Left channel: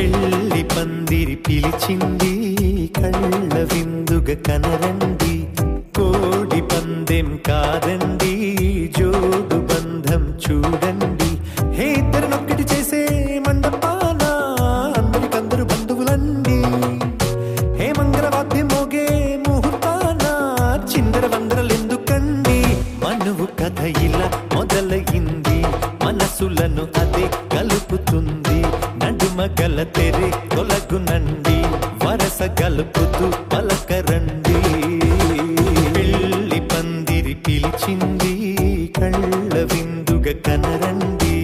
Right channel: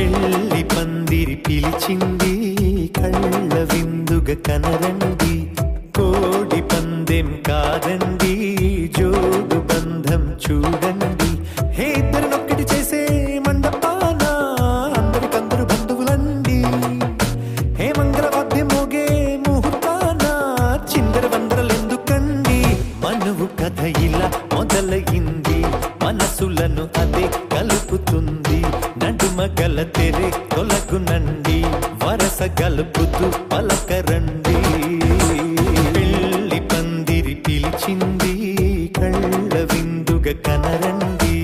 పెళ్లి పందిరి పిలిచింది కళ్ళ విందుగా కనరండి, కోడి పందెం కాదండి జోడు బంధం చూడండి. హే ఇద్దరినొక్కటి చేసే మండపాన అందరికందరు బంధువులండి. హే మంగళవాద్యం మోగే ముహూర్తాన చిందర వందరలెందుకండి. మనువు కథ ఇలా మొదలయింది, మనసులను అదే కలుపుతుంది. నడుమ గల తెరే తొలగునండి, వరస గలుపుతూ పలకరండి. పెళ్లి పందిరి పిలిచింది కళ్ళ విందుగా కనరండి.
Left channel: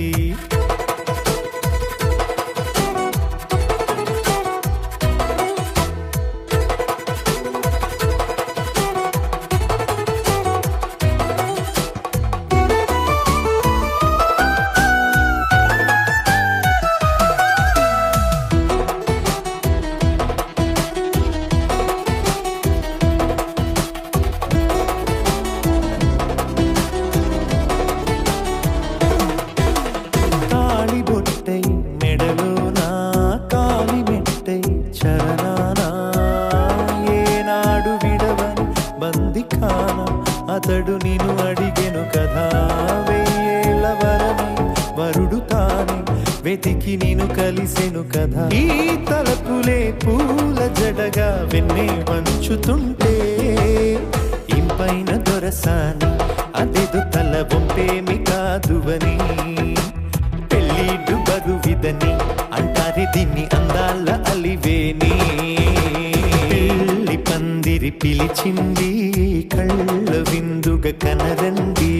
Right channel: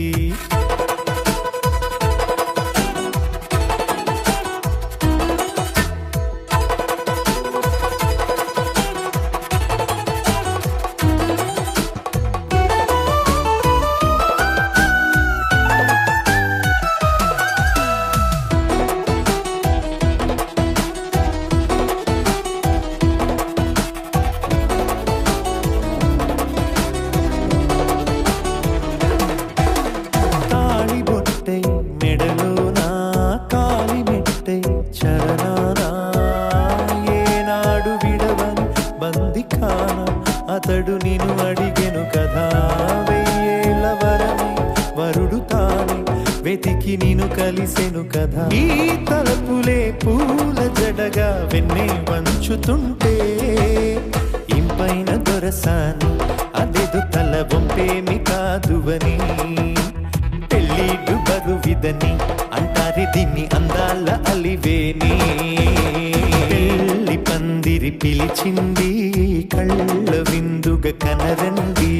బొట్టై మెడలోనా కాలి మెట్టై చరణానా ఏనాడు విడవని బందిఖాన అతడు నిన్ను అడిగెను కదా. వెయ్యేళ్ళ వరమై వరుడు తానే వెతికి నిన్ను కలిసెను కదా. ఈ తలపులే పూల జడగా వెన్నే వంచుతుంటే ఇంపైన దొరసాని అదేదో తల వంపేమి కాదువని. పెళ్ళిడు బరువిదని అంటారే దీన్ని అందాల అలివేని. పెళ్లి పందిరి పిలిచింది కళ్ళ విందుగా కనరండి.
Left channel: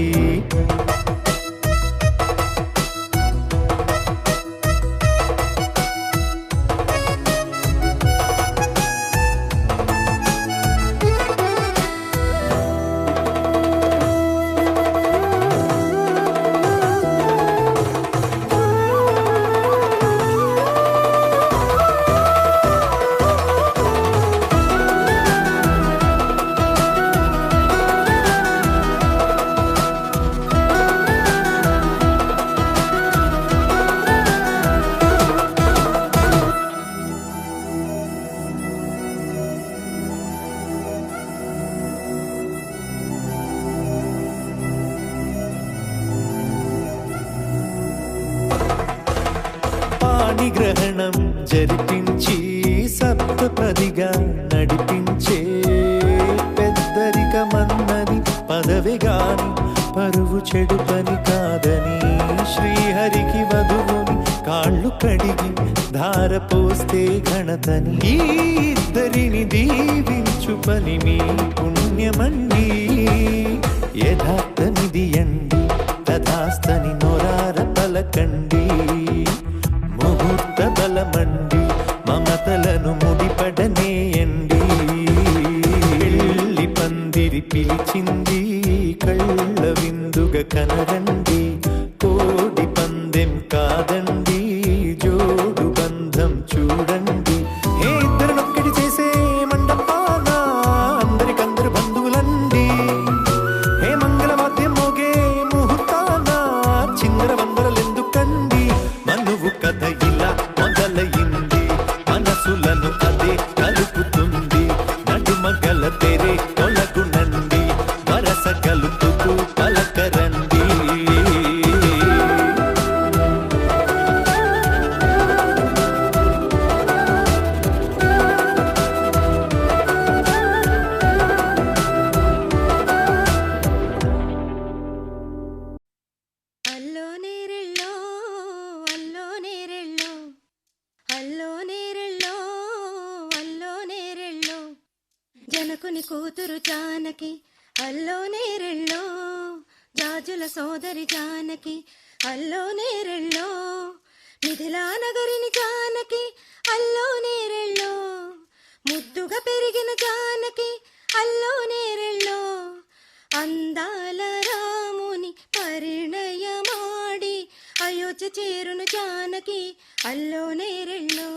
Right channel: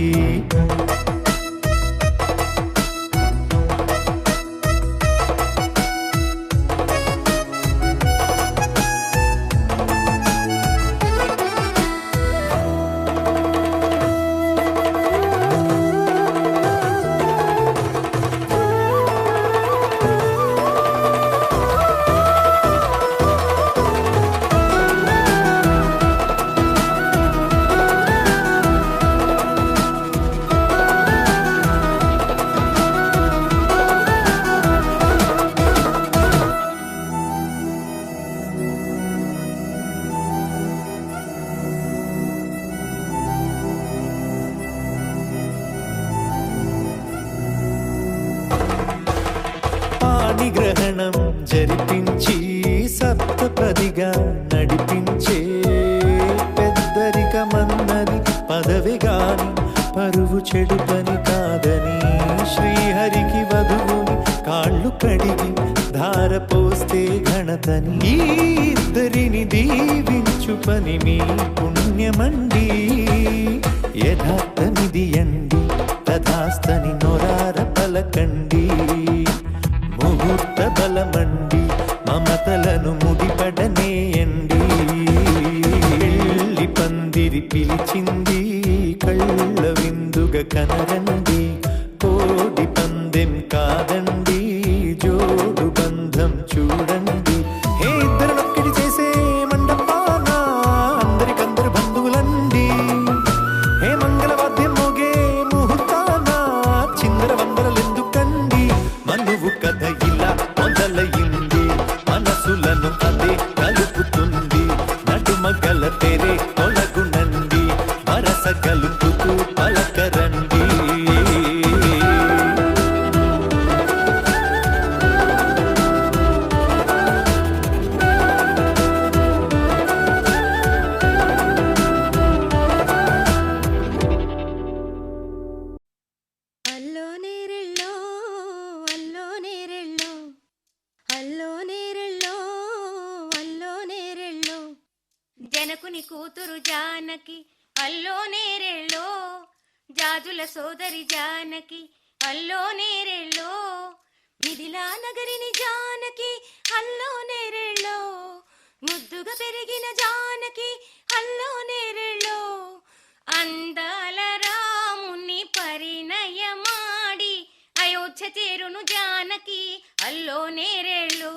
గ్రహణం జరిపించి సప్తపదిగా నడిపించే పెద్దరికమన్నది పదవి గాని పరువు చెడు పని కాదని. శ్రీహరికి వధువుని కాళ్ళు కడిగి ధార పోస్తే ఘనతని. ఈ ఇద్దరిని దీవించు పని మీ పుణ్యమండి. యథార్థమిది అండి తథాస్తని నొరార పలకండి. ముహూర్త బలమండి మమతలను ముడిపడనేయండి. పెళ్లి పందిరి పిలిచింది కళ్ళ విందుగా కనరండి, కోడి పందెం కాదండి జోడు బంధం చూడండి. హే ఇద్దరినొక్కటి చేసే మండపాన అందరికందరు బంధువులండి. హే మంగళవాద్యం మోగే ముహూర్తాన చిందర వందరలెందుకండి. మనువు కథ ఇలా మొదలయింది, మనసులను అదే కలుపుతుంది. నడుమ గల తెరే తొలగునండి, వరస కలుపుతూ పలకరండి. జనకుని కూతురు జానకి అల్లో నేరెళ్ళో, జాజుల సోదరి జానకి అల్లో నేరెళ్ళో, మిథిలా నగరిని జానకి అల్లో నేరెళ్ళో, ముద్దుగా పెరిగిన జానకి అల్లో నేరెళ్ళో, అందాల రాముని పరిణయమాడి అయోధ్య చేరును జానకి అల్లో నేరెళ్ళో.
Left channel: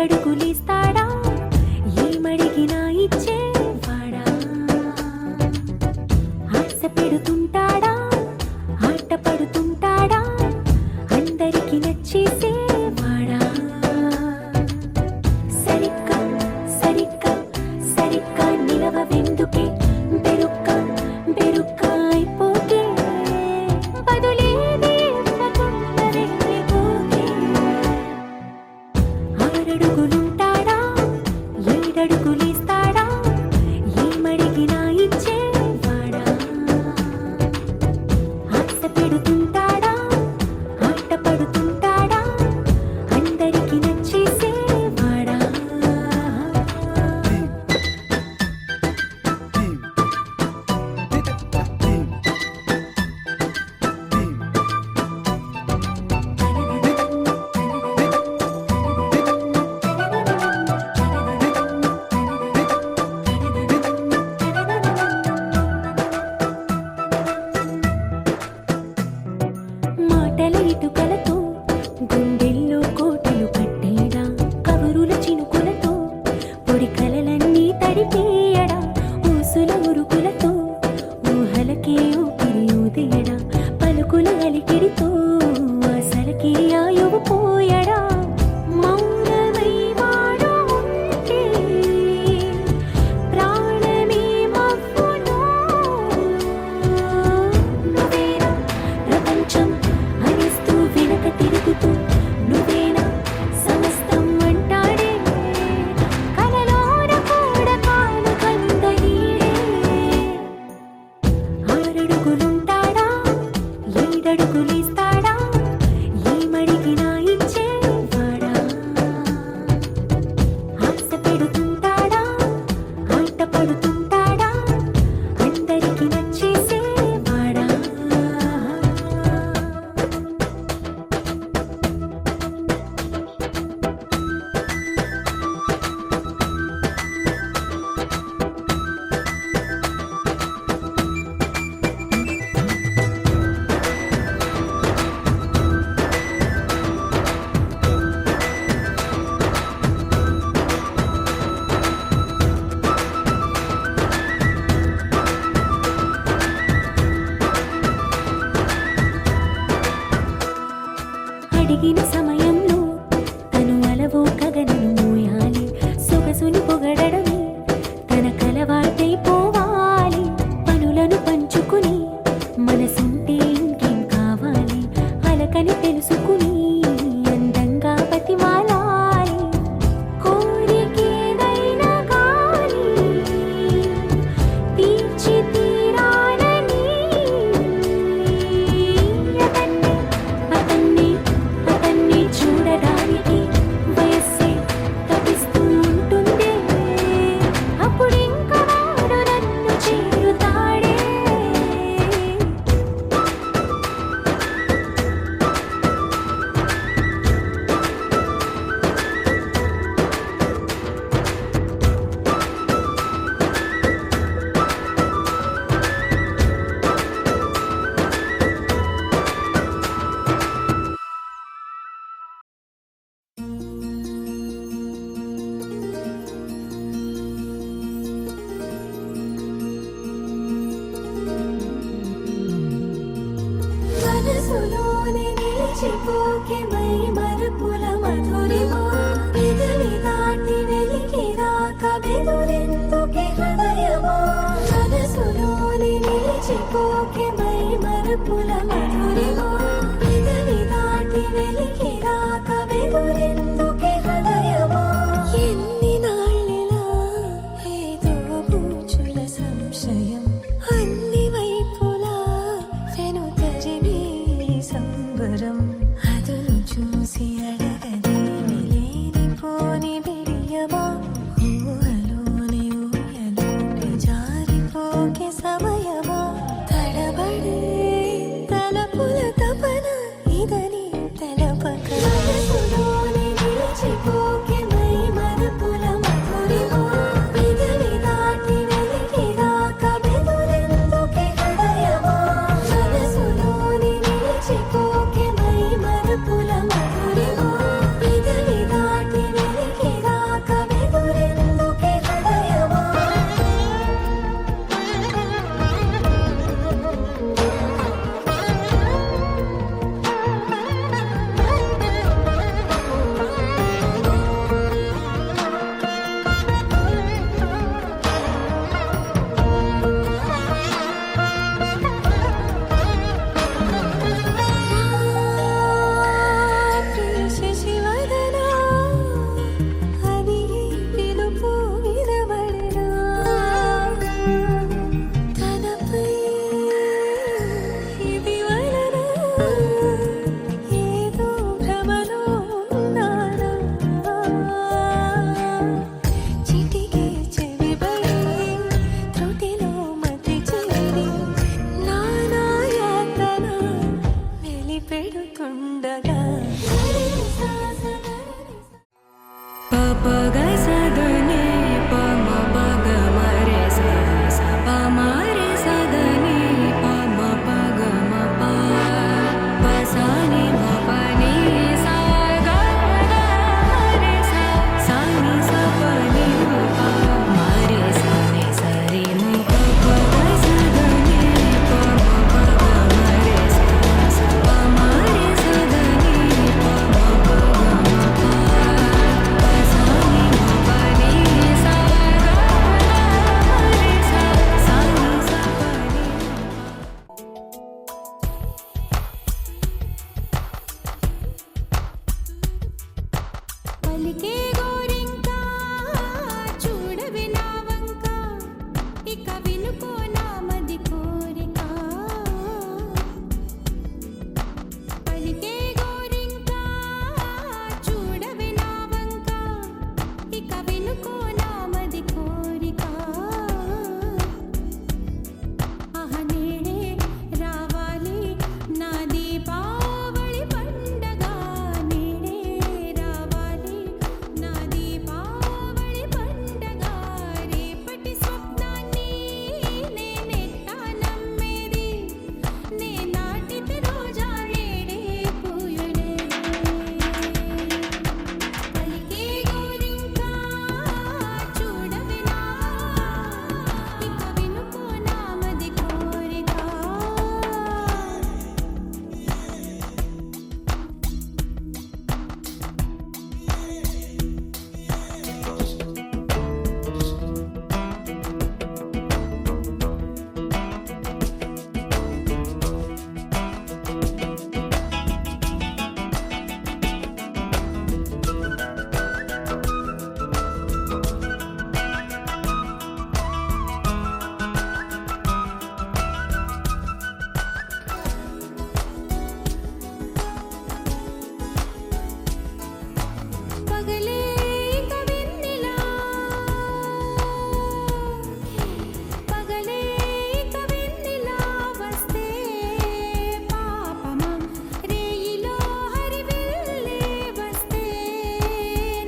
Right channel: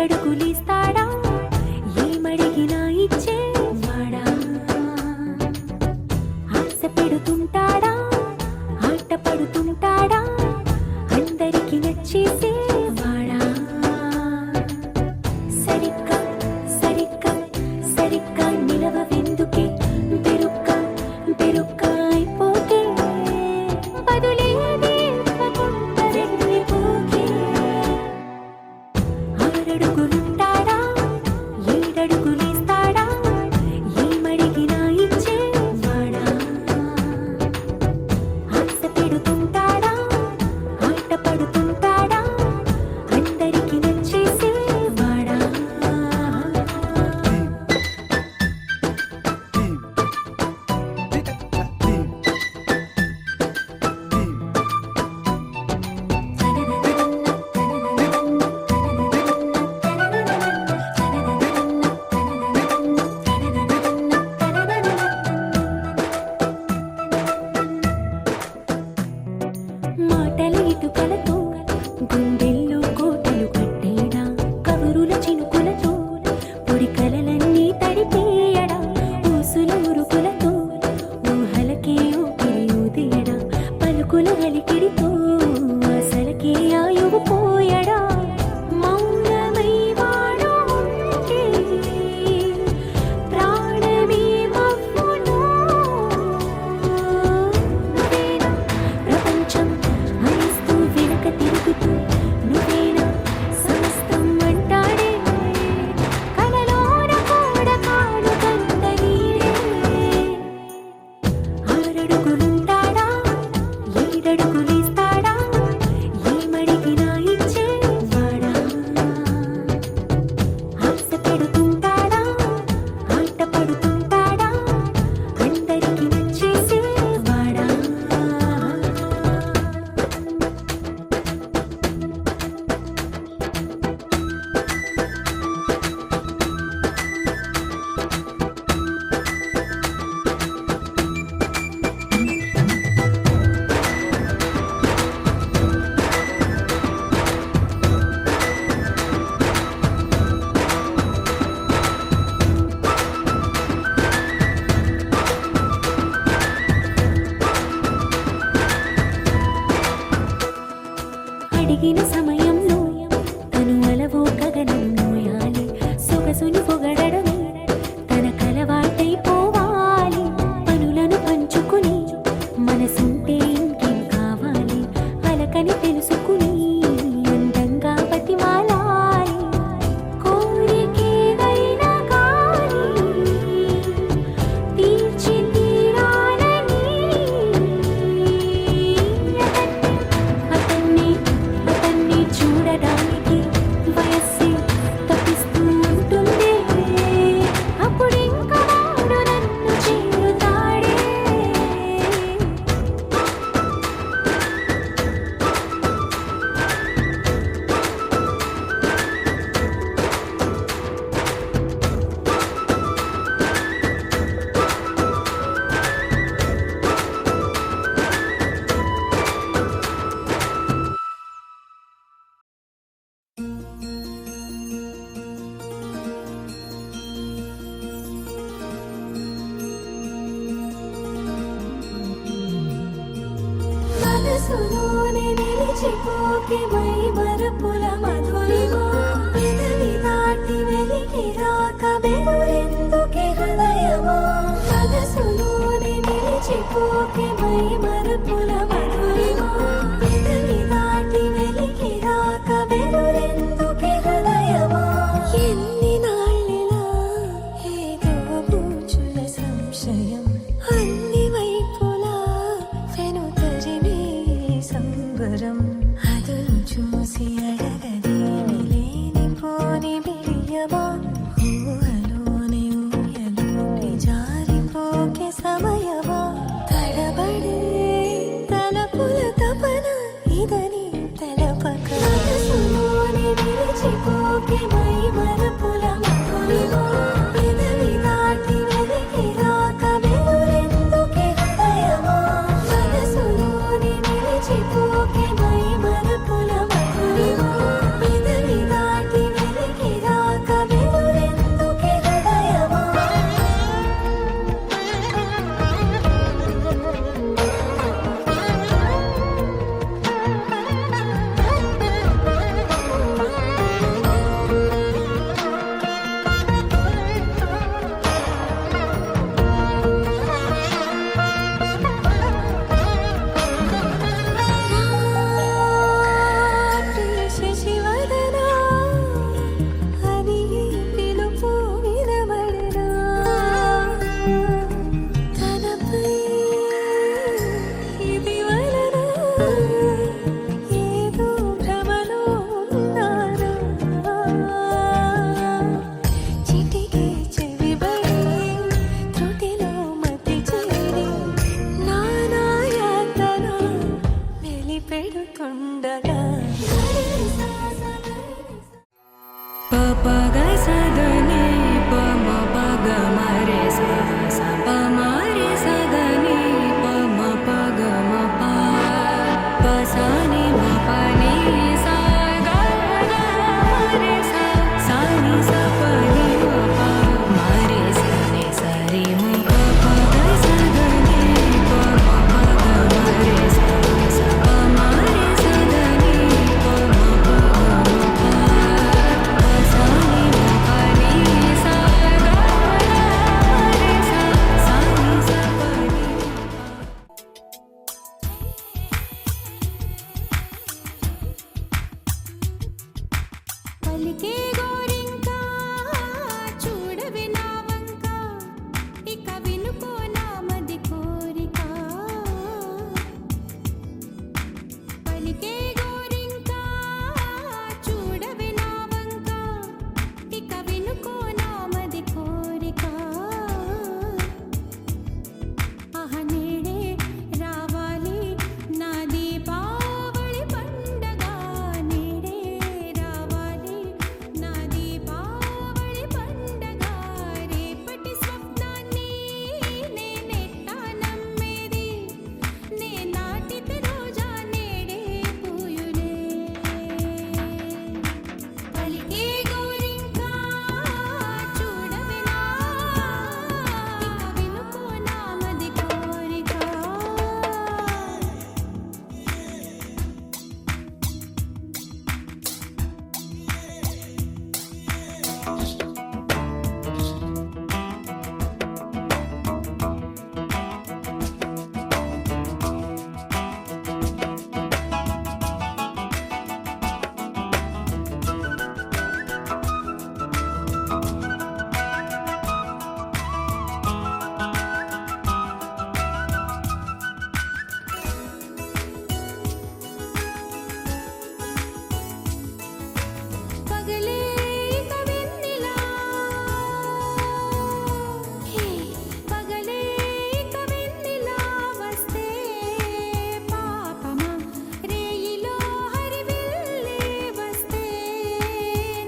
ఏడడుగులేస్తాడా ఏమడిగినా ఇచ్చేవాడా ఆశ పెడుతుంటాడా ఆట పడుతుంటాడా అందరికి నచ్చేసేవాడా సరిగ్గా సరిగ్గా సరిగ్గా నిలవవెందుకే బెరుక్క బెరుక్క అయిపోకే బదులేది ఇవ్వకుండా వెళ్ళిపోకే ఆరడుగులుంటాడా ఏడడుగులేస్తాడా ఏమడిగినా ఇచ్చేవాడా ఆశ పెడుతుంటాడా ఆట పడుతుంటాడా అందరికి నచ్చేసేవాడా మాటల ఇటుకలతో గుండెల్లో కోటలు కట్టేడా కబురుల చినుకులతో పొడి కలలన్నీ తడిపేయడా ఊసుల ఉరుకులతో ఊహలకే ఊపిరి ఊదేయడా పలుకుల అలికిడితో అసలకే ఆయువు పోయడా మౌనమై వాడు ఉంటే ప్రాణమే మవ్వును నువ్వేనా ప్రపంచం అరిస్తూ వెనుక తిరుగుతూ నువ్వేనా సమస్తం అంటాడే కలలోన కూడా కాను కంద నీడే ఆరడుగులుంటాడా ఏడడుగులేస్తాడా ఏమడిగినా ఇచ్చేవాడా ఆశ పెడుతుంటాడా ఆట పడుతుంటాడా అందరికి నచ్చేసేవాడా అడిగిన సమయంలో తను అలవో గగనను మోయాలి సొగసుని పొగడమే తన కలవాటైపోవాలి పనులను పంచుకుని మనసుంటే ఇంకేం కావాలి అలకని తెలుసుకుని అందంగా బతిమాలాలి కోరికేదైనా కానీ తీర్చి తీరాలని అతన్ని అతన్ని చూడడానికి వయస్సే తప్పిస్తూ ఉంటుంది అప్పుడింకా వాడు నన్ను చేరుతాడే మనసులోనే నిలిచిపోకే మై మరుపుల మధురిమో పెదవి దాటి వెలికి రాక బెదురెందుకే హృదయమో మనసులోనే నిలిచిపోకే మై మరుపుల మధురిమో పెదవి దాటి వెలికి రాక బెదురెందుకే హృదయమో ఎన్ని నాళ్ళిలా ఏదో బూచుల సంశయం అన్ని వైపులా వెనుతరిమే సంబరం అదును చూసి అడగదేమి లేనిపోని బిడియమా ఊహలోని ఊయలోని జారిపోకే సమయమా తడబడే తల నామది కోరిక ఆహ నేడే రావాలి నా దీపావళి పండగ నేడే రావాలి నా దీపావళి పండగ రేపటి స్వప్నాన్ని నేనెట్టా నమ్మేది నే నాటితే రోజా నేడే పూయులే పలికే గోరింకా చూడవినా ఇక వినుకో నామది కోరిక పగలే ఇక వెన్నెలా పగలే ఇక వెన్నెలా వస్తే పాపమా రేయిలో హరివిల్లే వస్తే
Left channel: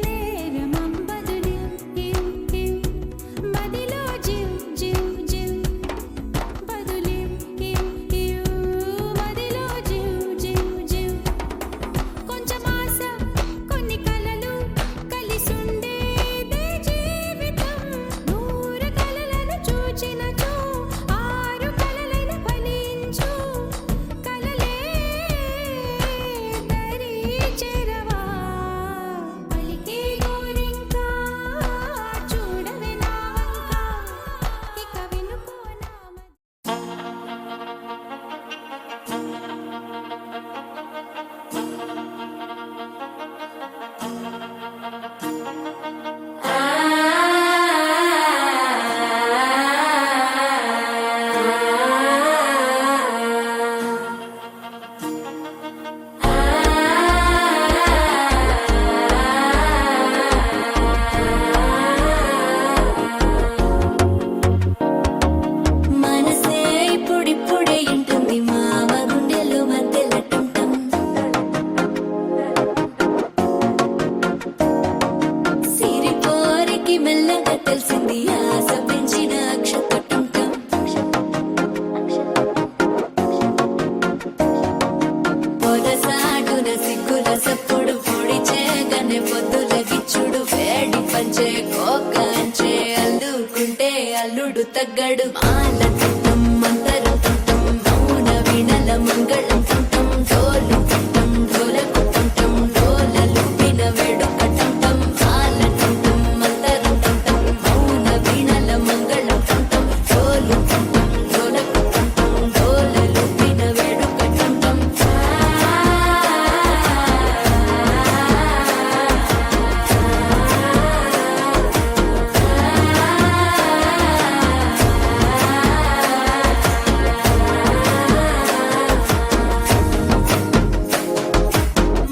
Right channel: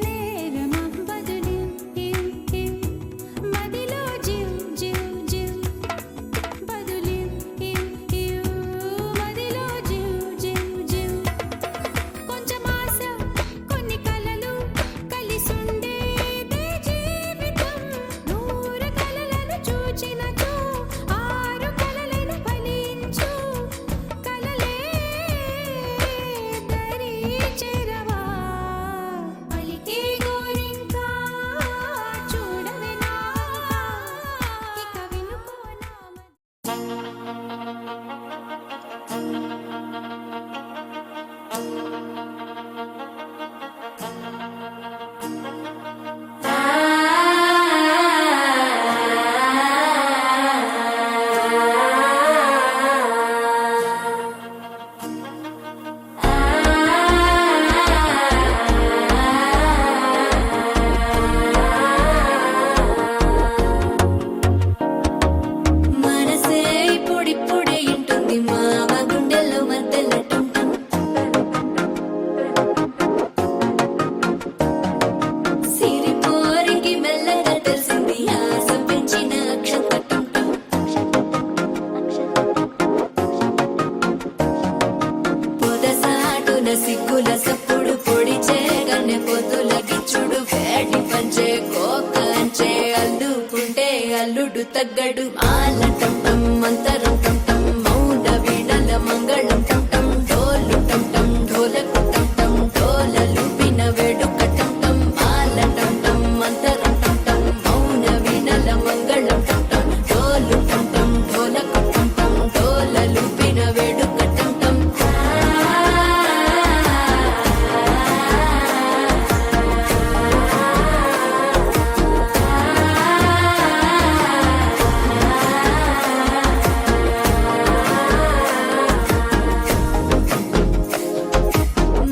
నేరమా బదులు మదిలో జివ్ జివ్ జివ్ బదులు మదిలో జివ్ జివ్ జివ్ కొంచెం ఆశ కొన్ని కలలు కలిసుండేదే జీవితం నూరు కలలను చూచినచో ఆరు కలలను ఫలించు కలలే దరి చెరవా పలికే గోరింకా చూడవెనా ఇక వినుకో నామది మనసే ఇప్పుడిప్పుడే ఇంటుంది మామ గుండెలు మధ్యలో టంటం సిరిపోరికి మెల్లగా తెలిసింది ఆశ పెంచిన అక్షతటం పొదసాటున సిగ్గుల సప్పుడు పొడి చేయగానే పొద్దుల గిచ్చుడు వేడి పంచే కోకలంచే అందుకుంటే అల్లుడు తగ్గడు మాల టంటం మంతరం టంటం మౌన వీణల మంగళం టంటం డోలు టంటం ఢోలకు టంటం డోలలు విన వేడుక టంటం మాల టంటం మంతరం టంటం మౌన వీణల మంగళం టంటం డోలు టంటం ఢోలకు టంటం డోలలు విన వేడుక టంటం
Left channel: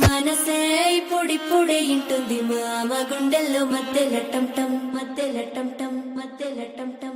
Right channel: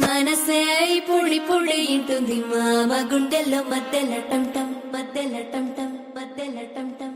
మనసే ఇప్పుడిప్పుడే ఇంటుంది మామ గుండెల్లో మధ్యలో టంటం మధ్యలో టంటం మధ్యలో టంటం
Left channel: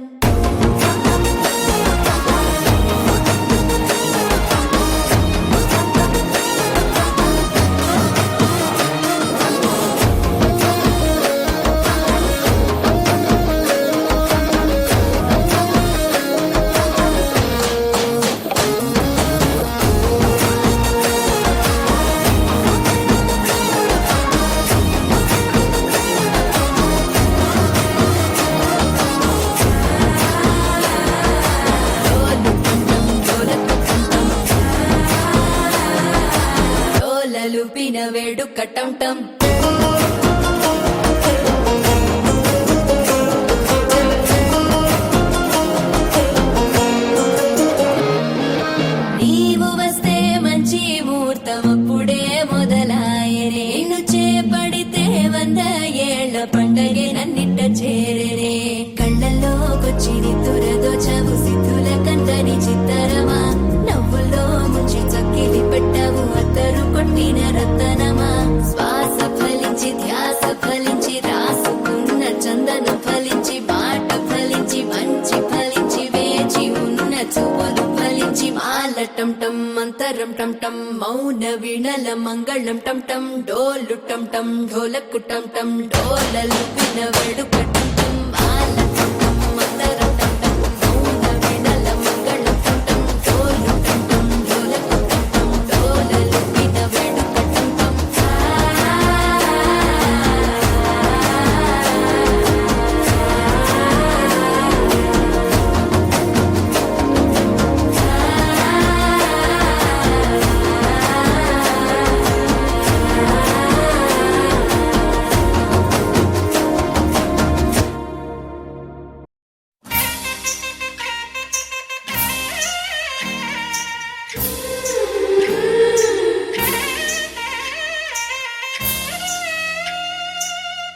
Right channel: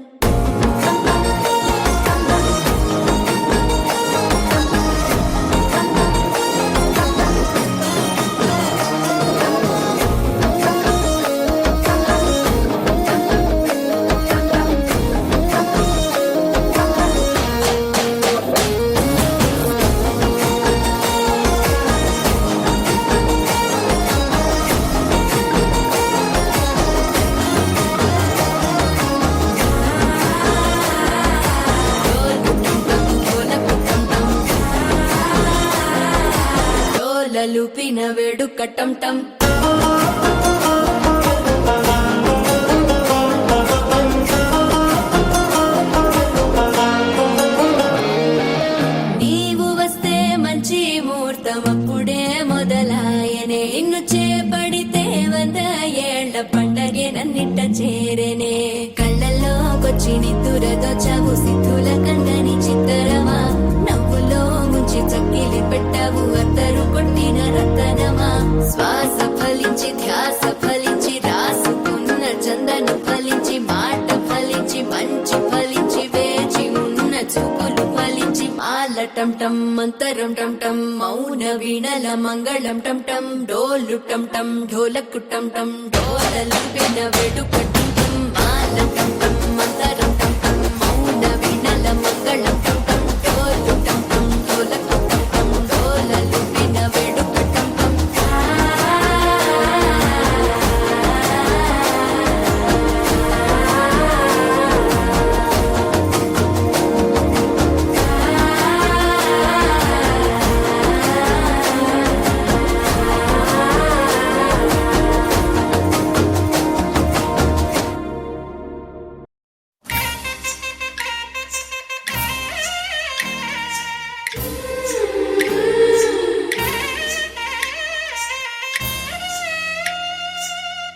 లుపిన వేడుక టంటం నీవు వస్తే మంచి ముహూర్తం అప్పుడే మొదలాయనే నిన్ను చేపడితే 100 ఏళ్ల పండగే నన్నిట్ట చేరేనే కళ్ళల్లోకొచ్చి నిద్దురదోచావు సిద్ధుల కందని చిత్తరమా నవ్వులో ముంచి చక్కిలి పెట్టావు అత్తరు కొట్టిన రతనమా శ్వాస ఫలించి ధ్యాస ఫలించి రాసుకున్న చంద టం టం మంతరం టం టం మౌన వీణల మంగళం టం టం డోలు టం టం ఢోలకు టం టం డోలలు విన వేడుక టం టం మాల టం టం మంతరం టం టం మౌన వీణల మంగళం టం టం డోలు టం టం ఢోలకు టం టం డోలలు విన వేడుక టం టం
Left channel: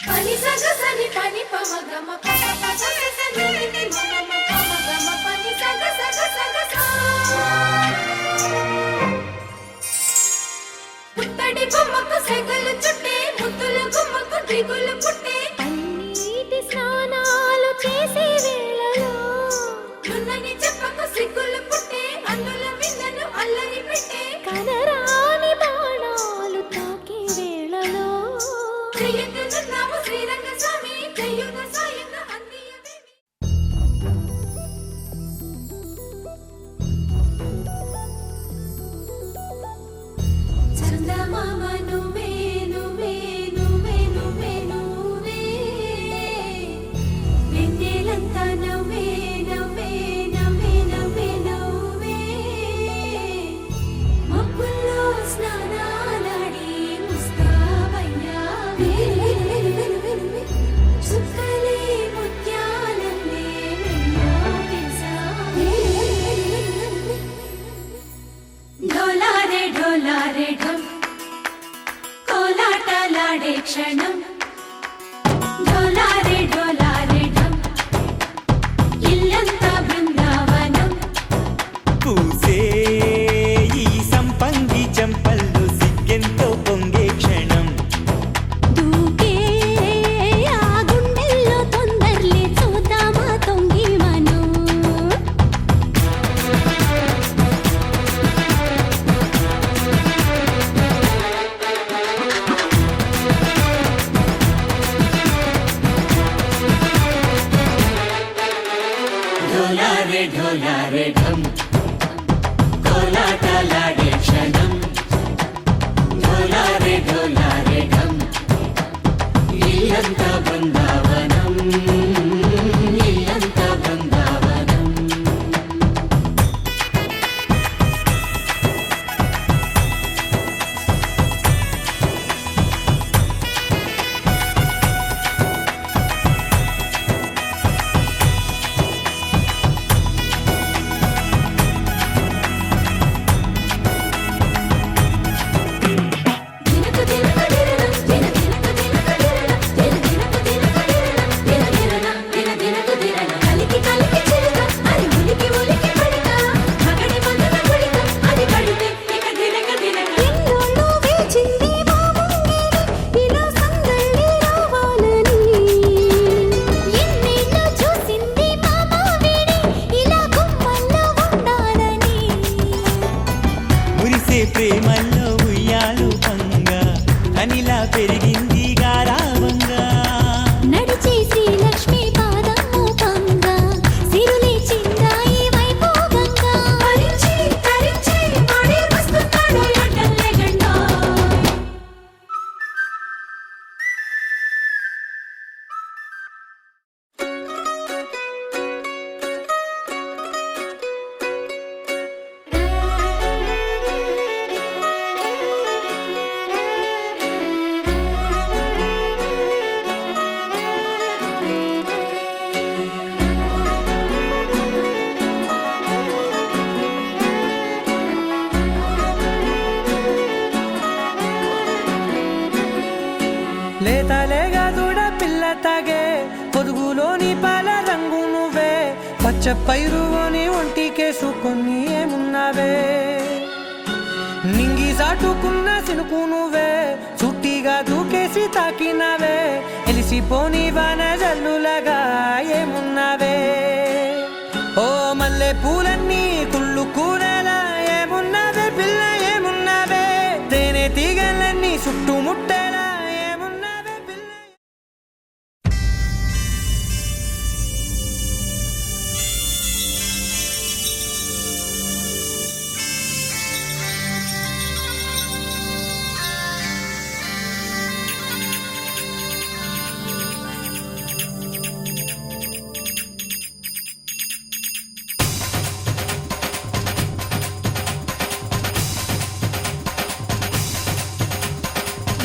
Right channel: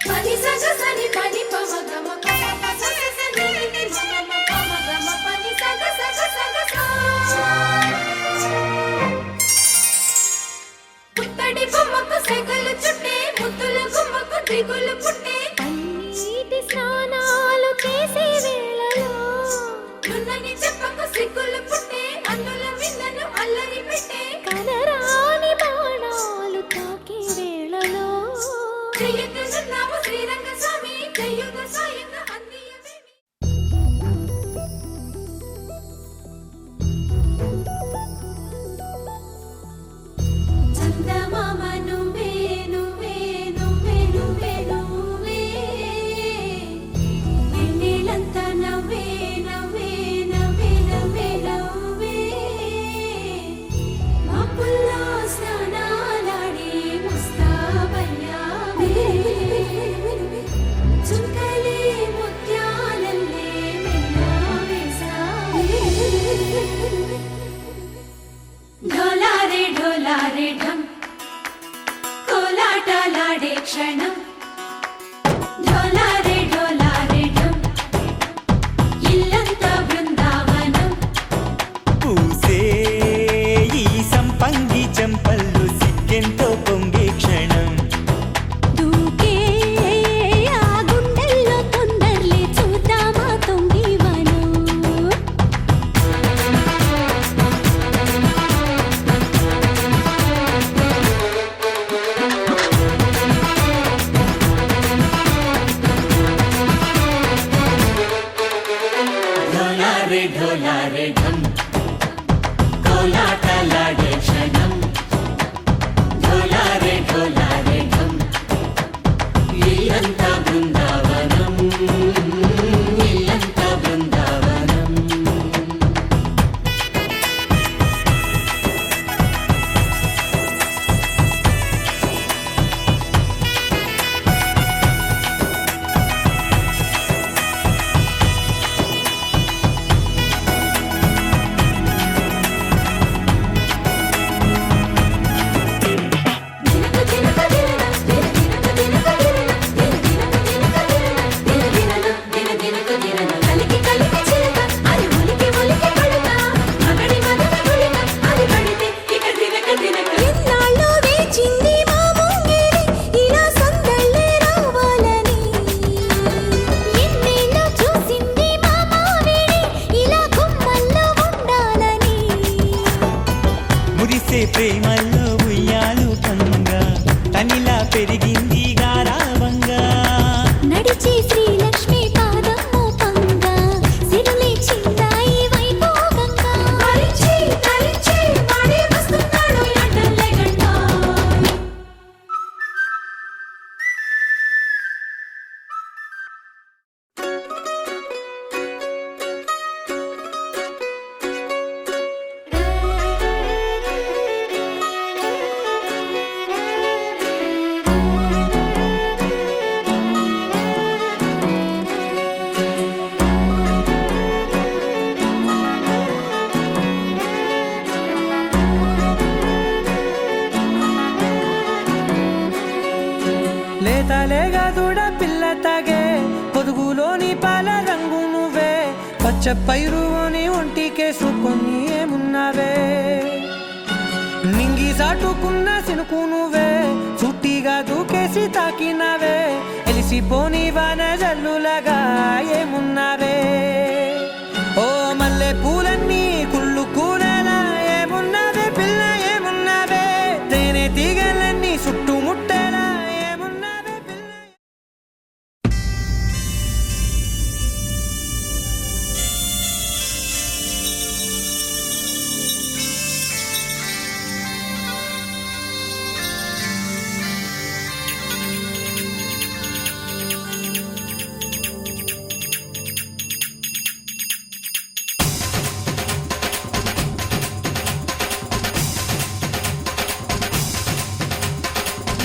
పని సగ సని పని పమ గమ పమ పస స ని ని మమ పమ గమ పని సగ సగ సగ సా పుట్టడి బొమ్మకు సెగలు చుట్టే ముద్దుల గుమ్మకు దిగులు పుట్టే పన్నీటి స్నానాలు చేసే వేళలో నున్నని చెప్పకు సిగ్గులు పుట్టే అన్నుల విన్నను అల్లరి పెట్టే కనరాని బాణాలు తాకే వేళలో చెయ్యొద్దున్నావు శ్రీరంగ స్వామి చెయ్యుగ సాయంగ అందియవేమి చందమామ నువ్వే నువ్వే నువ్వే నువ్వే నువ్వే వెన్నెలంతా నవ్వే నవ్వే నవ్వే నవ్వే నవ్వే మబ్బుల్లో స్నానాలాడి ముస్తాబయ్యావే చుక్కలే ముత్యాలల్లే మెల్లావేశావే ఢోలారే ఢోలారే ఢం కోలాటలాడే క్షణం ఢోలారే ఢోలారే ఢం ఇల్లంతా బృందావనం పూసే ఈ సంపంగి చెంపల్లో సిగ్గెంతో పొంగే క్షణం దూకే ఆ గుండెల్లో తొందరలే చూద్దామా తొంగి మనం ఢోలారే ఢోలారే ఢం కోలాటలాడే క్షణం ఢోలారే ఢోలారే ఢం ఇల్లంతా బృందావనం ఇల్లంతా బృందావనం మురిసే ప్రేమల్లో ఉయ్యాలు పంగా తనిలా పెరిగింది గారావంగా నడిచే శ్రీలక్ష్మి పాదము పంగా సిల్లి చిందాయి వైభోగంగా తరించి తరించి వాడే వస్తున్నాడు లండన్ లేకుండా లేతలేగా దూడ పిల్ల తాగే పొదుగులోని పాల రంగు నువ్వే పచ్చ పైరుని ఒంటికేసుకొని ఏమున్నావే నింగి సాటుకున్న సినుకు నువ్వే చుట్టిగా దూకేసి తాకినావే ఎలిసిపోని వాన జల్లులగా ఏమున్నావే ఓ మల్లె పూలన్నీ కుళ్ళు కూనేలా ఏమున్నా తీగలన్నీ చుట్టుముట్టేలా ఏమున్నావే పిల్ల.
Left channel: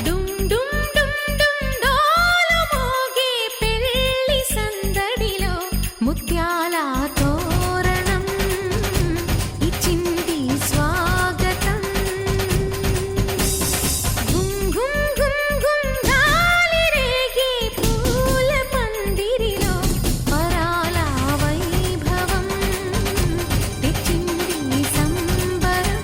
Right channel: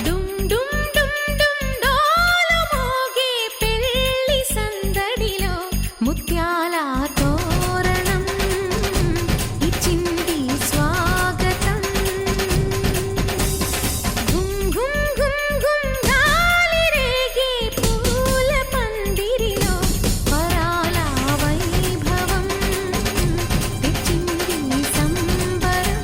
డుమ్ డుమ్ డుమ్ డుమ్ డోలు మోగే పెళ్లి సందడిలో ముత్యాల తోరణం ఇచ్చింది స్వాగతం. గుమ్ గుమ్ గుమ్ గుమ్ గాలి రేగే పూల పందిరిలో పరాల వైభవం తెచ్చింది సంబరం.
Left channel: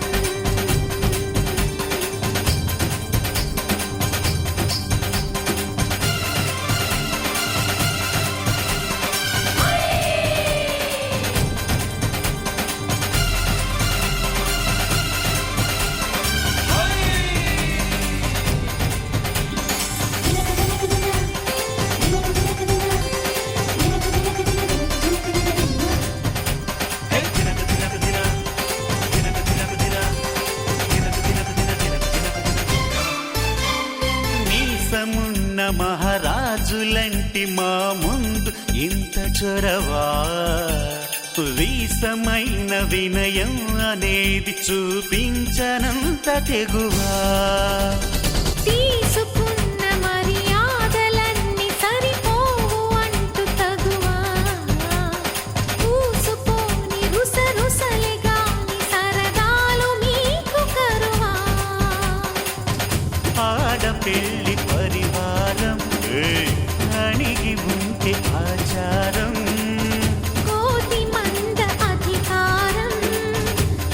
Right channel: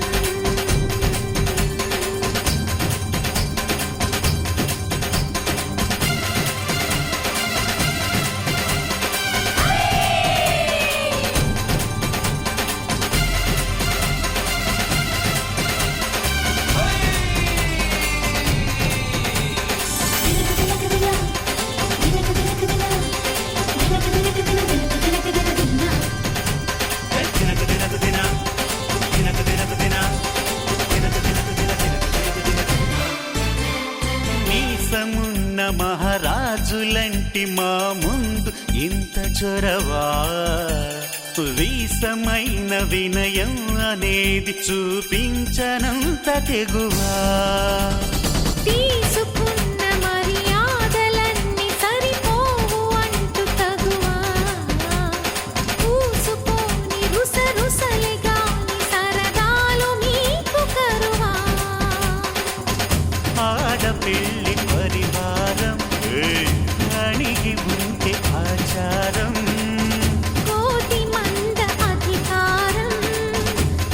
మీసమున్న మహారాజులంటి మా ముందు ఇంత చొరవా, వీసమైన వినయం అనేది చూపించనంత తెగువా. తీసుకున్న మర్యాదలన్నీ సరిపోవు అంటూ తగువా, పూసుపోని రుసరుసలే గాని సరదాలు మీకు కరువా. ఆడపిల్లి పరివారం అణిగి ఉంటే ఆచారం, కోటి మంద అధికారం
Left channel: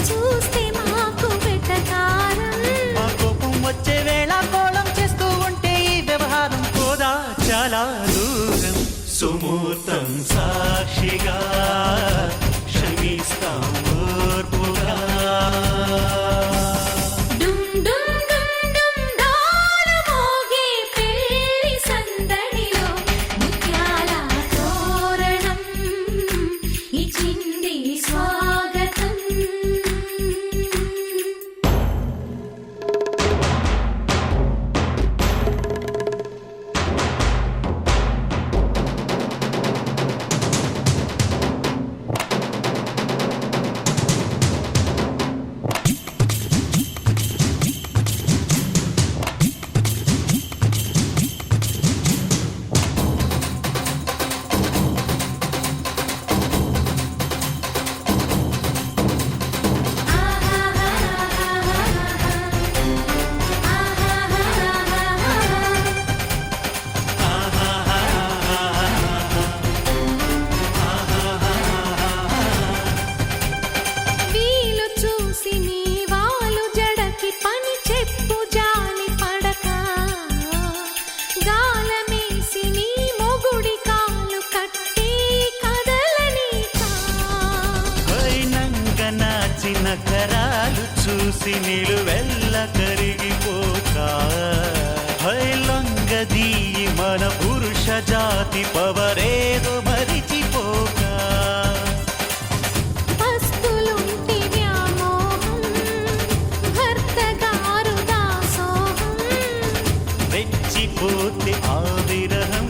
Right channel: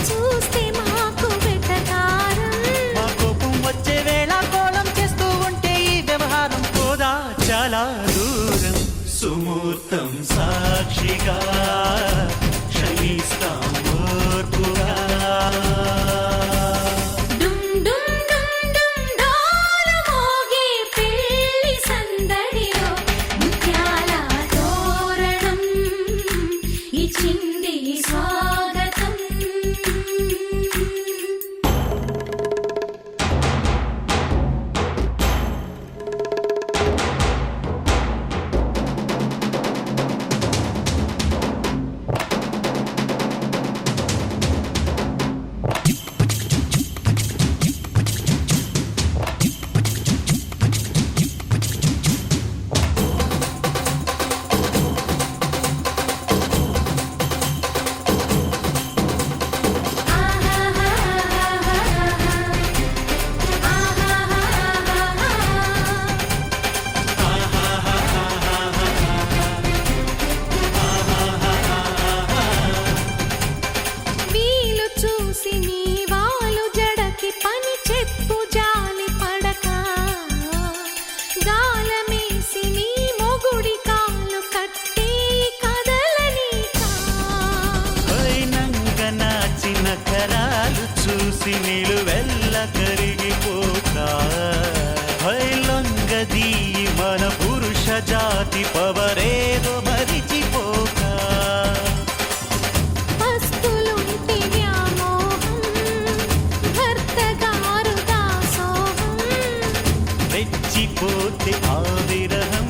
చూస్తే మాకు వెటకారం. మా కోపం వచ్చే వేళ కోళం చేస్తూ ఉంటే ఈ వ్యవహారం పోదా చాలా దూరం. సుమూర్తం సాక్షిగా క్షమిస్తాం ఓర్పుగా. డుమ్ డుమ్ డుమ్ డుమ్ డోలు మోగే పెళ్లి సందడిలో ముత్యాల తోరణం ఇచ్చింది స్వాగతం. వీలు చూసి నీ వాలు జడకి పని చెప్పు జాలి పడక, గాలమేసి నీ మొగుడి కాలు కట్టి కదలనీకా. వైనంగ నాచిన కరాలు చూసి నిలువెల్ల కరిగిపోక, హైలంగదీయి మన పురుష జాతి పవరేదో మరిచిపోక. పస్తులుంటి వ్యామోహం భర్త గారు దాసోహం. రెచ్చిపోతే ఆ విరహం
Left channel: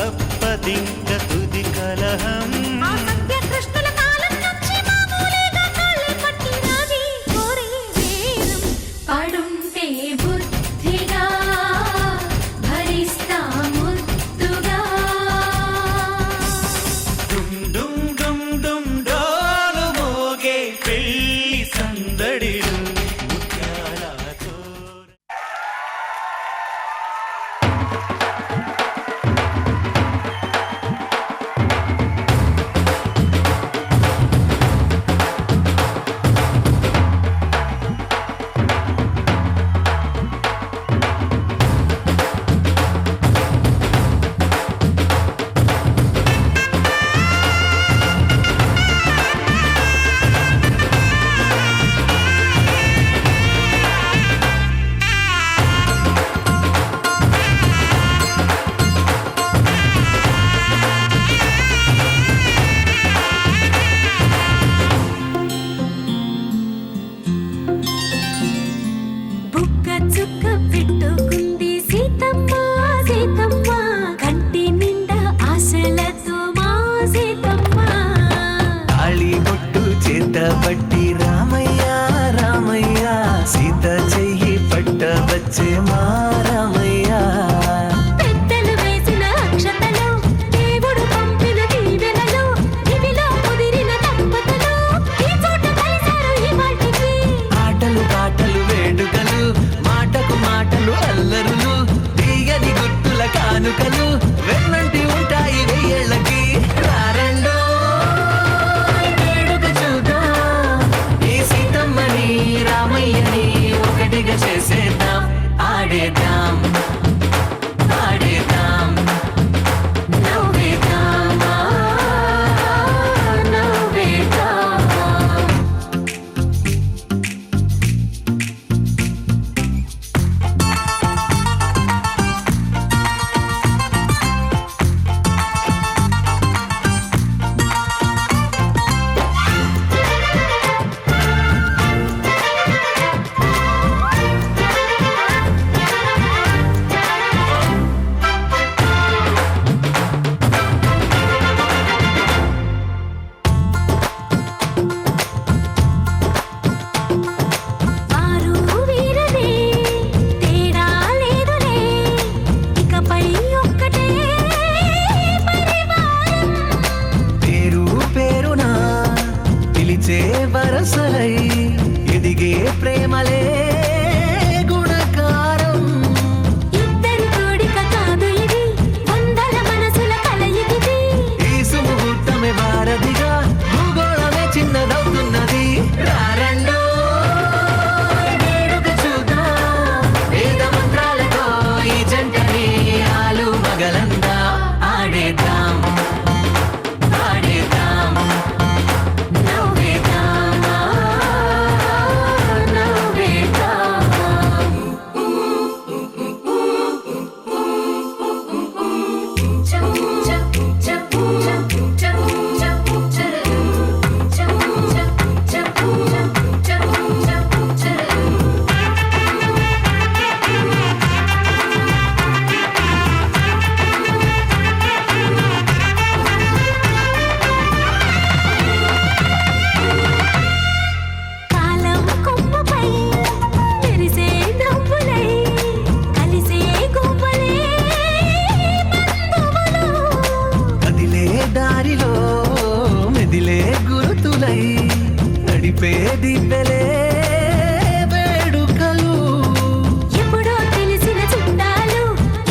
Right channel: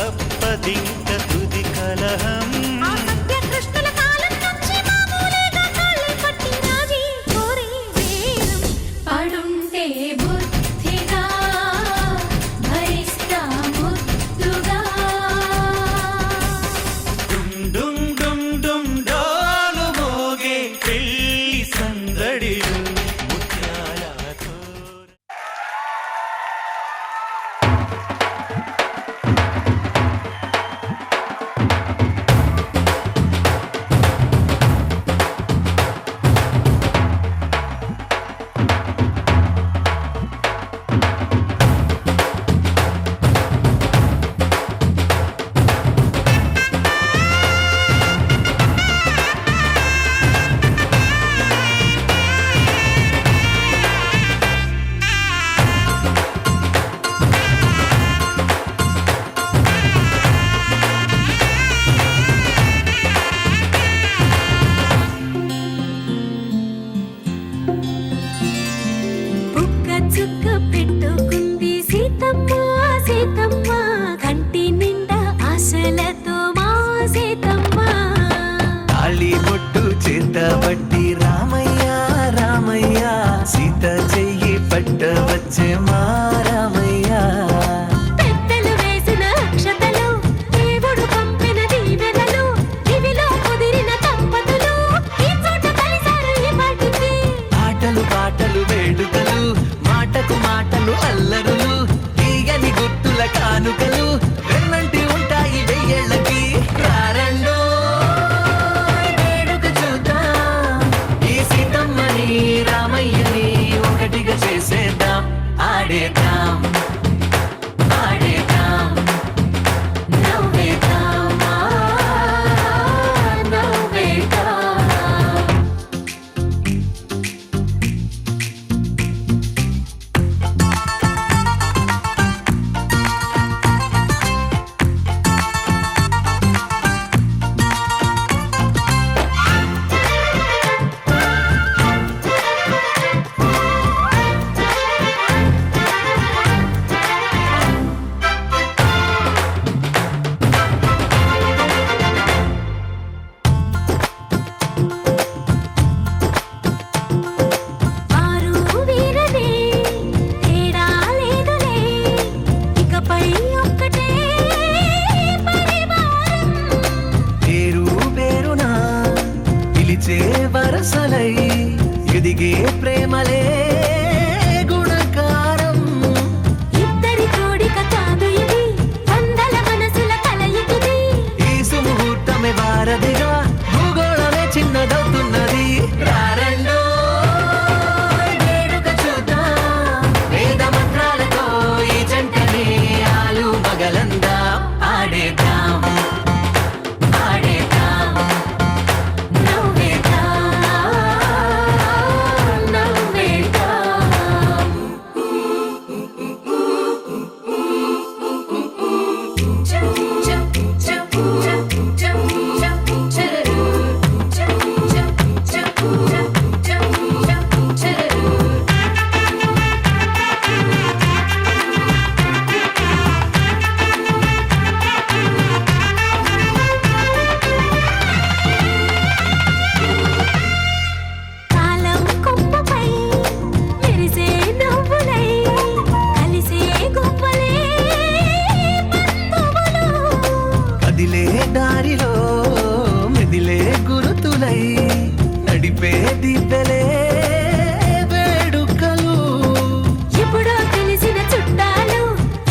తప్పదింక తుది కలహం. ఆ సత్యకృష్ణుల కాలం నుంచి మామూలుగా కాళ్ళే పట్టి రాజీ కోరే వేరం పడుంటే బుద్ధిగా భరిస్తా ముద్దుగా. డుమ్ డుమ్ డుమ్ డుమ్ డోలు మోగే పెళ్లి సందడిలు ముత్యాల తోరణం. పట్టబట్టి రామయ్య రామయ్య సీత చెయ్యి పట్టవచ్చే మా రామయ్య పెద్దలు వేసిన అక్షతలు దేవుడు పంపిన దీవెనలు ఇవిలో కుదిరిన దంపతులు ఈ చోట కలిసారు ఈ వాటికి ఆటలు పాటలు వేడుకలు మాటకు మాటలు అల్లరులు తీయని గుర్తుల కానుకలు వెన్నంటి ఉంటాయి వెయ్యేళ్ళకి రారండో వేడుక చూద్దాం ఈ సీతమ్మని రామయ్యని ఒకటిగా చేసేద్దాం ఆడేద్దాం ఆడేద్దాం నవ్వేద్దాం నవ్వేద్దాం వారు వీరనే తేడా లేదులే ఇకపై ఒక్కటే పరివారం పేరు పేరునా పిలిచే వరసలై ఎదిగే ప్రేమలే గుణకారం ఇద్దరి కోడిక కాదు ఇది వందల మనసుల కలయికిది ఈ సుముహూర్తమే వారధిగా భూగోళమే చిన్నదవుతున్నది రారండో వేడుక చూద్దాం వేద మంత్రాలతో ఈ జంటని ఆలు మగలందా ఆడేద్దాం ఆడేద్దాం నవ్వేద్దాం నవ్వేద్దాం కాలం కొమ్మపై మెరిసే నవ్వులై కలిసే గువ్వలే బంధువులు కదిలే దారిలో మెదిలే గురుతులై నడిపే దిబ్బెలే వేడుకలు ఎప్పుడో తెలిసిన చుట్టాలు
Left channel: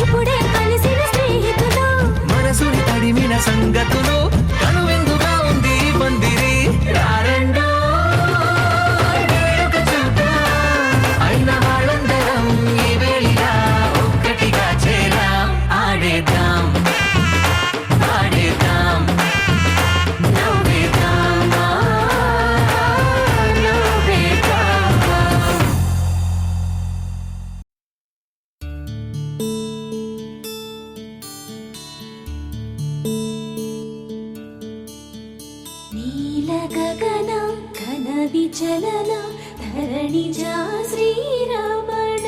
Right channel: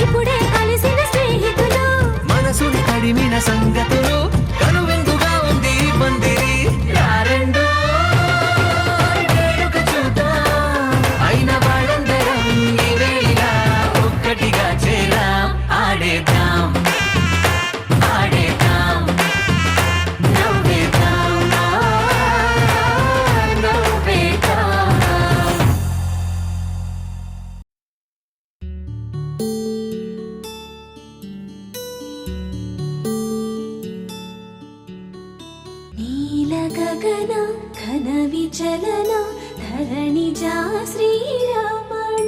ఇప్పుడే కలిసిన స్నేహితులు మనసుని తడిమిన సంగతులు కనువిందుగా ఉంది ఈ పందిరి రారండో వేడుక చూద్దాం అయిన వాళ్ళందరం ఈ వేళ ఒక్కటిగా చేరాం ఆడేద్దాం ఆడేద్దాం నవ్వేద్దాం నవ్వేద్దాం నీల గగన ఘన విచలన ధరణి జా శ్రీరమణ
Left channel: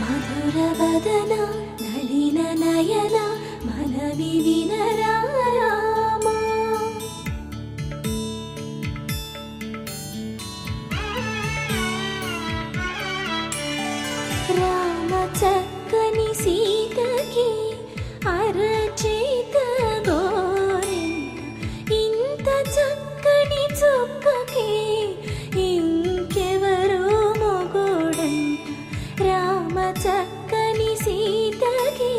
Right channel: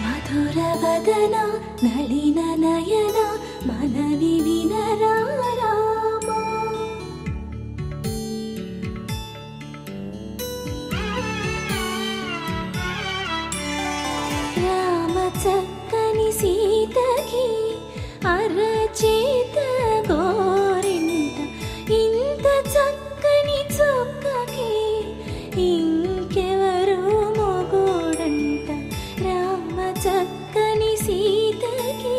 మధుర వదన నళిన నయన మనవి వినరా రామా రామ చక్కని సీతకి అరచేత గోరింట ఇంత చక్కని చుక్కకి ఇంకెవరు మొగుడంట రామ చక్కని సీతకి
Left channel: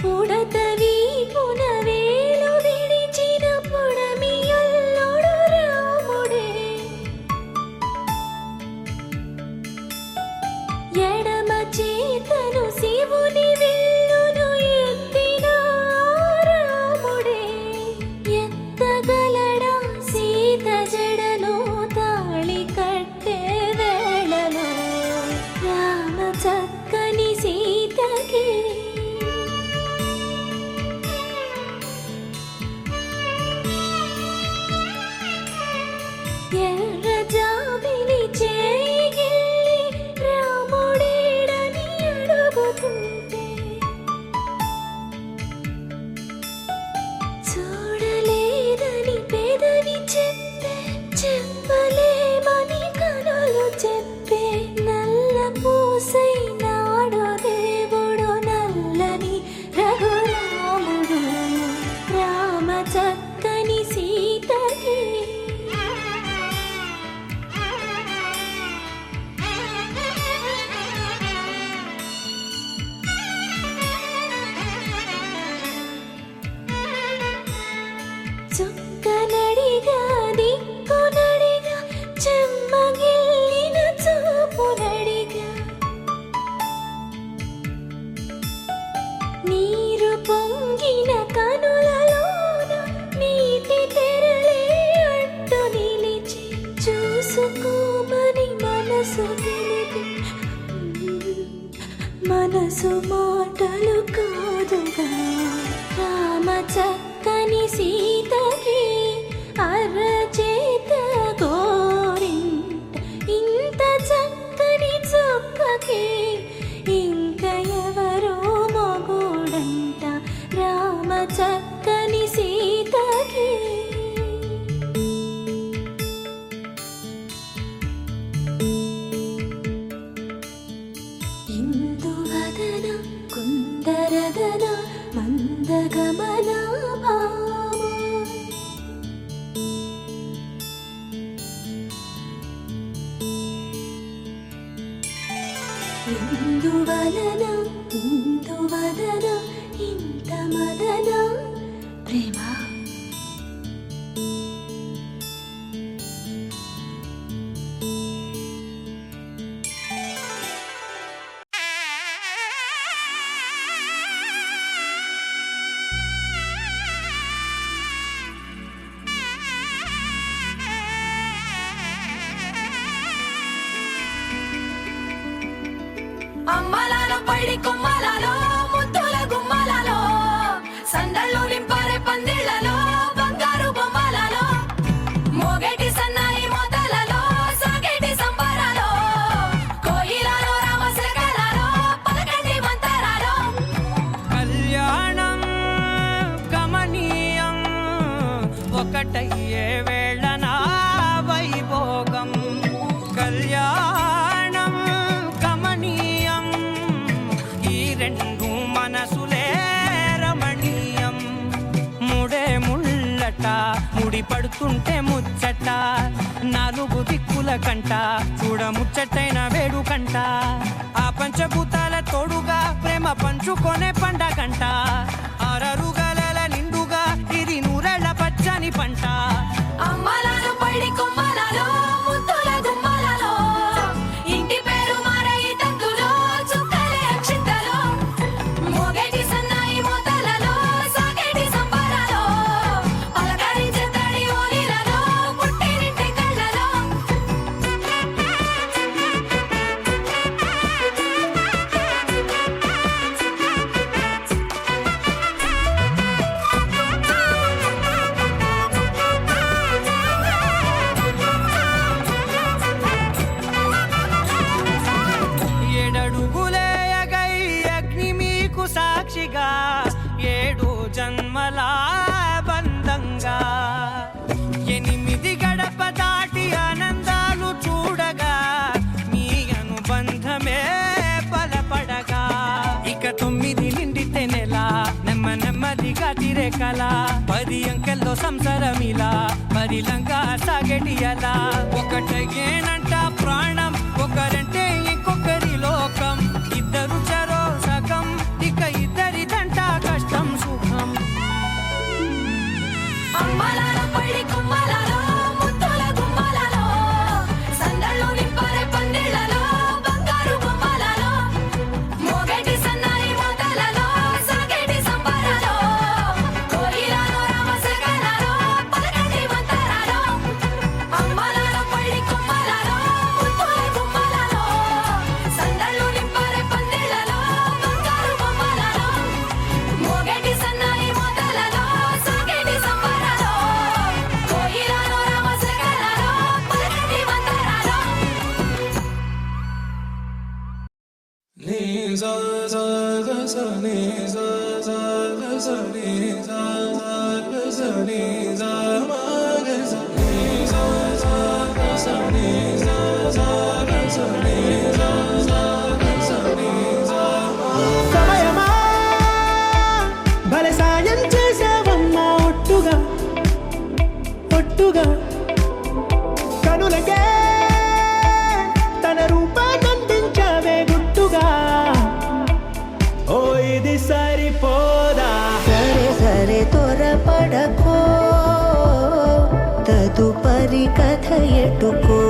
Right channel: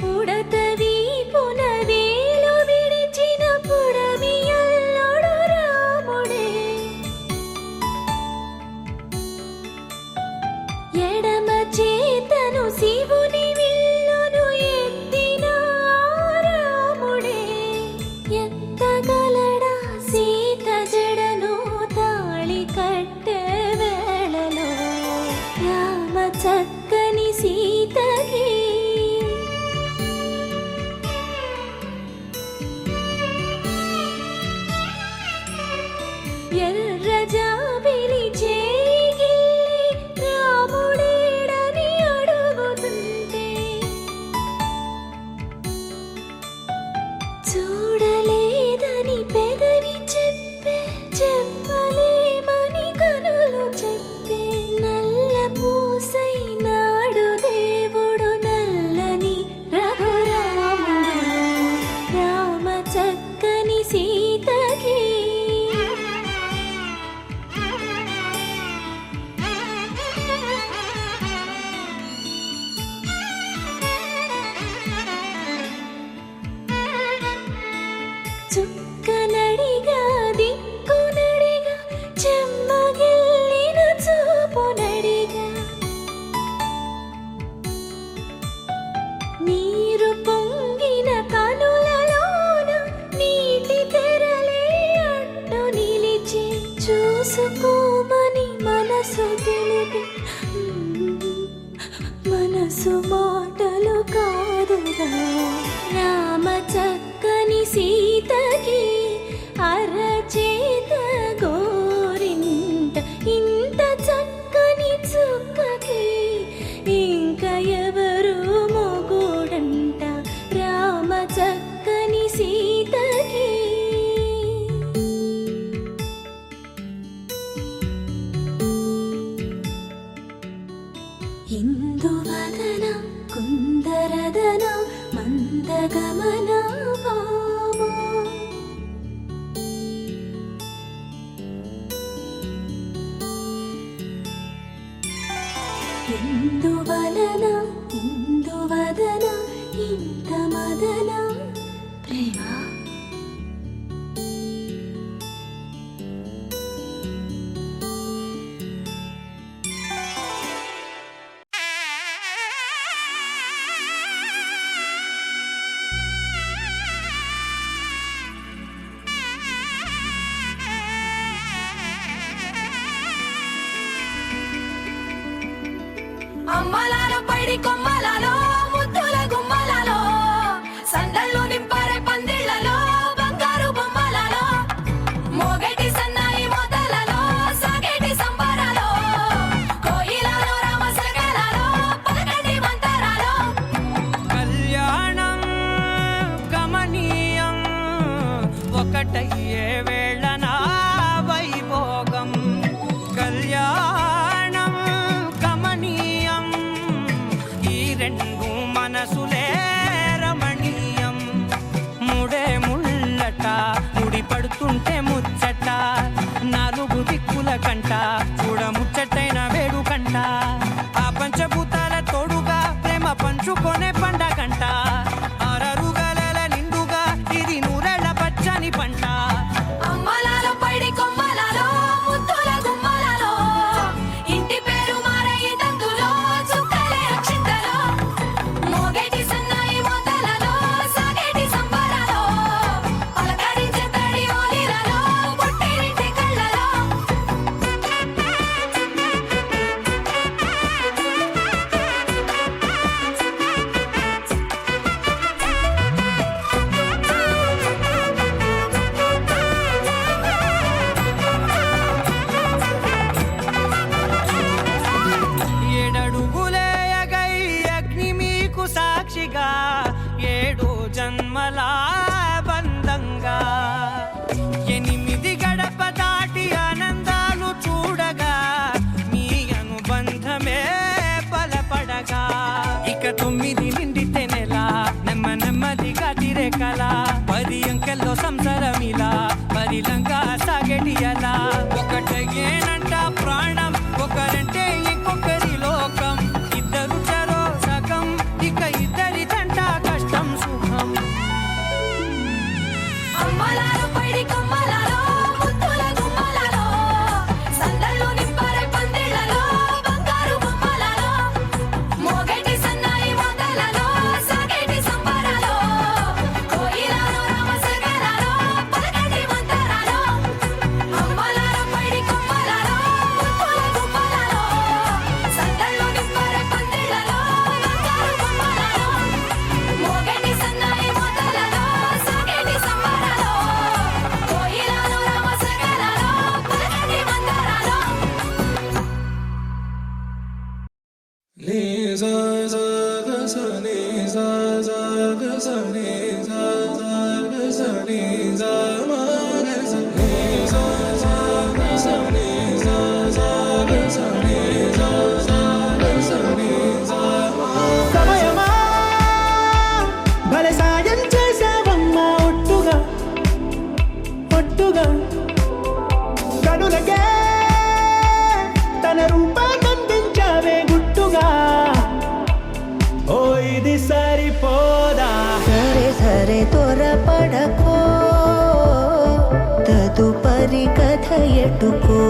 పుడతవి పునవేలు విడిచిన పుడమియల్లుడు రాముడే పైడి కొమ్మలలో ముద్దుల గుమ్మలలో సందళ్ళు నింపారే పందిళ్లలో బంగారు బొమ్మలలో మోగేటి సన్నాయి మోతలలో సాగేటి సంబరాలో కోయిలలో రామశకలలో పలకండి మంతరాలో కళ్యాణం గమనీయం ఒకటయ్యే వేళ నా వైభోగం కళ్యాణం గమనీయం ఈ రెండు మనసులే రమణీయం ముడే ముళ్ళట ముడి పడుతుంటే ముచ్చట నాలుగు దిక్కుల కంట చూడ ముచ్చటైన వేడుకంట ఆ పంచభూతాల తోడుగా ప్రేమ పంచుకొనే పండగంట ఆరరుగల నిండుగా ఇది నూరెళ్ళ పచ్చని పంట అమ్మలాలో పైడి కొమ్మలలో ముద్దుల గుమ్మలలో ఇంటి పేరు మారయ్య తందులో చుక్కలే అక్షింతలో మోగేటి సన్నాయి మోతలలో సాగేటి సంబరాలో పలకరించే తడి ఓలిలలో పుట్టినింటి కళ్ళలో ఏడడుగులేయగై అగ్ని మీకు సాక్షిగా ఏడు జన్మల బంధంగా ఎనిమిది గడప దాటి ఆనందాలు చూడగా మీ అనుబంధమే బలపడగా ఇక 9 నిండితే నెల నెమ్మదిగా తిరే కల 10 అంకెల్లో సంసారమిలా పరిలంగా సాగటి అలా ఒకటేనంట ప్రాణం ఒకరంటే ఇంకొకరి లోకం ఇద్దరు చరో సగం ఇక ఇద్దరిదంట కష్టం సుఖం అమ్మలాలో పైడి కొమ్మలలో ముద్దుల గుమ్మలలో సందళ్ళు నింపారే పందిళ్లలో బంగారు బొమ్మలలో మోగేటి సన్నాయి మోతలలో సాగేటి సంబరాలో కోయిలలో రామశకలలో పలకండి మంతరాలో అమ్మలాలో పైడి కొమ్మలలో ముద్దుల గుమ్మలలో సందళ్ళు నింపారే పందిళ్లలో బంగారు బొమ్మలలో మోగేటి సన్నాయి మోతలలో సాగేటి సంబరాలో కోయిలలో రామశకలలో పలకండి మంతరాలో సమయమా భలే సాయం చేసావమ్మా ఒట్టుగా ఒట్టుగా కనులకే తన రూపాన్నందించావే గుట్టుగా ఓ ఇది సరిపోదా సరే సరే త్వరపడకో తదుపరి కథ ఎటుకో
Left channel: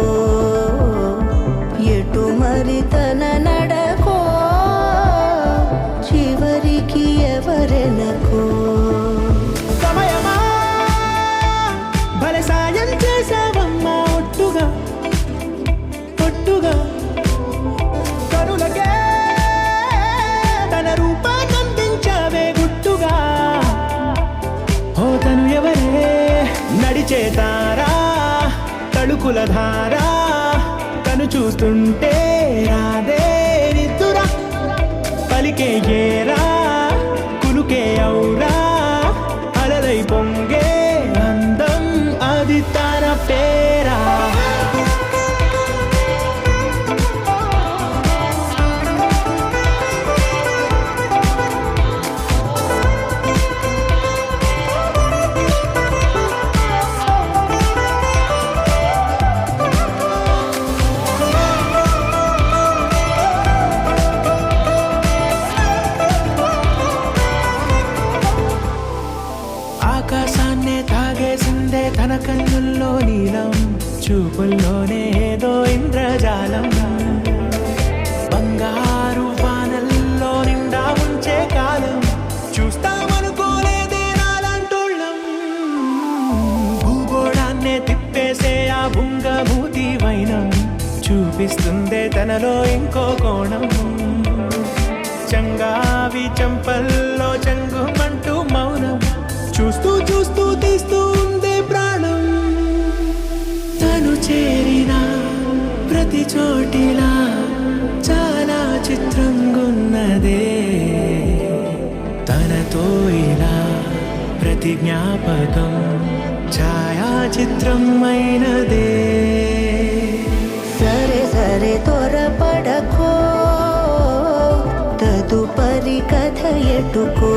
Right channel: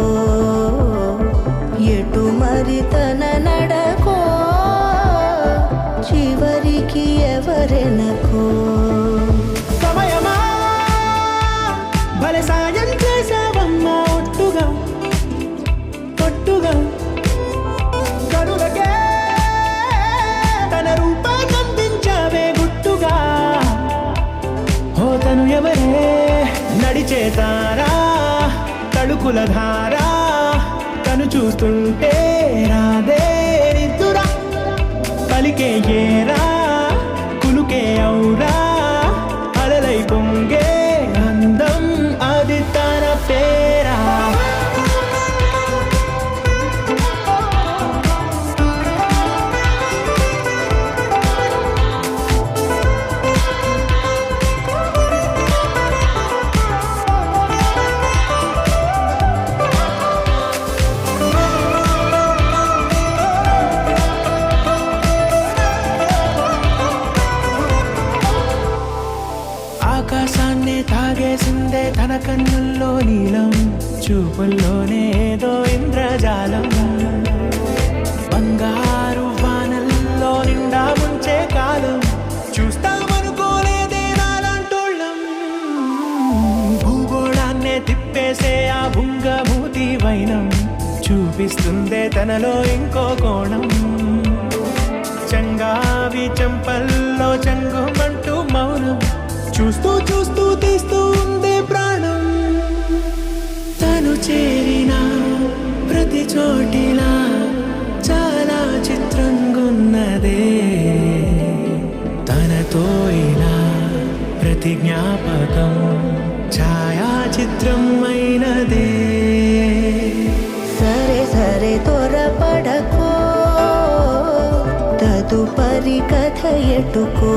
ఎటు మరి తన నడకో చివరికి ఎవరెనకో సమయమా భలే సాయం చేసావమ్మా ఒట్టుగా ఒట్టుగా కనులకే తన రూపాన్నందించావే గుట్టుగా ఓ తను ఎవరే నడిచే తారా తడుకుల ధారా తను చూస్తుంటే రాదే నిద్దురా పలికే ఏరా కులుకే ఔరా అలలై పొంగే అందం అది తన పేరా ఆకాశాన్నే తాగేసిందే తన కన్నుల్లో నీలం చూపుల్లోనే ఏదో ఇంద్రజాలం బంగారు వానల్లో నిండా ముంచే కాలం చూస్తామనుకోలేదే నాలాంటోళ్ళం భూగోళాన్నే తిప్పేసే ఆ బుంగమూతి వైనం చూపిస్తుందే తనలో ఇంకో కోణం చంగావి చంపల్లో చంగుమంటూ మౌనం చూస్తూ చూస్తూ తీస్తూ ఉందే ప్రాణం తను చేరిన ప్రతి చోటిలా చాలా చిత్రంగున్నదే తనతో ఇలా ప్రతి జ్ఞాపకం ఛాయాచిత్రం అయినదే సరే సరే త్వరపడకో తదుపరి కథ ఎటుకో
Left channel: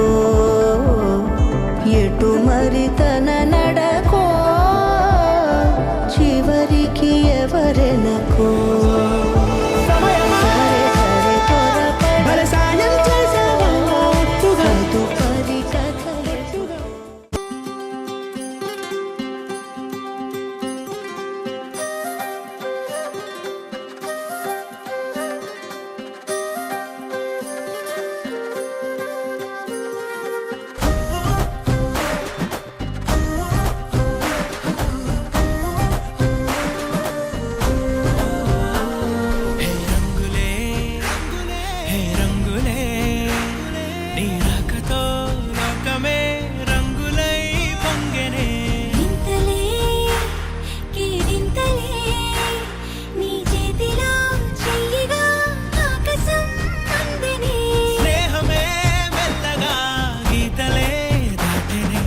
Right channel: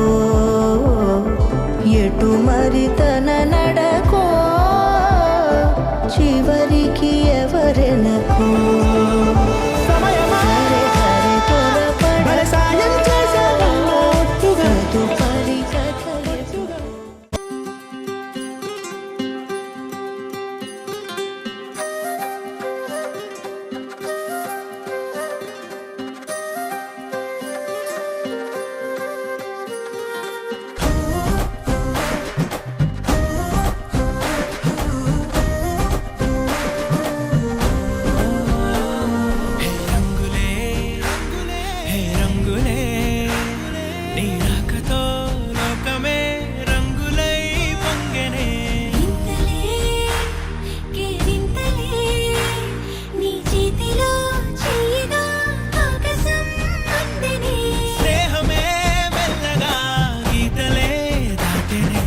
ఎటు మరి తన నడకో చివరికి ఎవరెనకో సమయమా సరే సరే భలే సాయం చేసావమ్మా ఒట్టుగా. తదుపరి కథ ఎటుకో హే రంగులే రంగులే హే రంగులే నీ రాకతో లోకమే రంగులై పొంగెనే వింతలే కేరింతలే నీ చేతిలో చెయ్యగా ఆకాశం అందనే స్నేహమే మెల్లగా గీతలే దాటెనే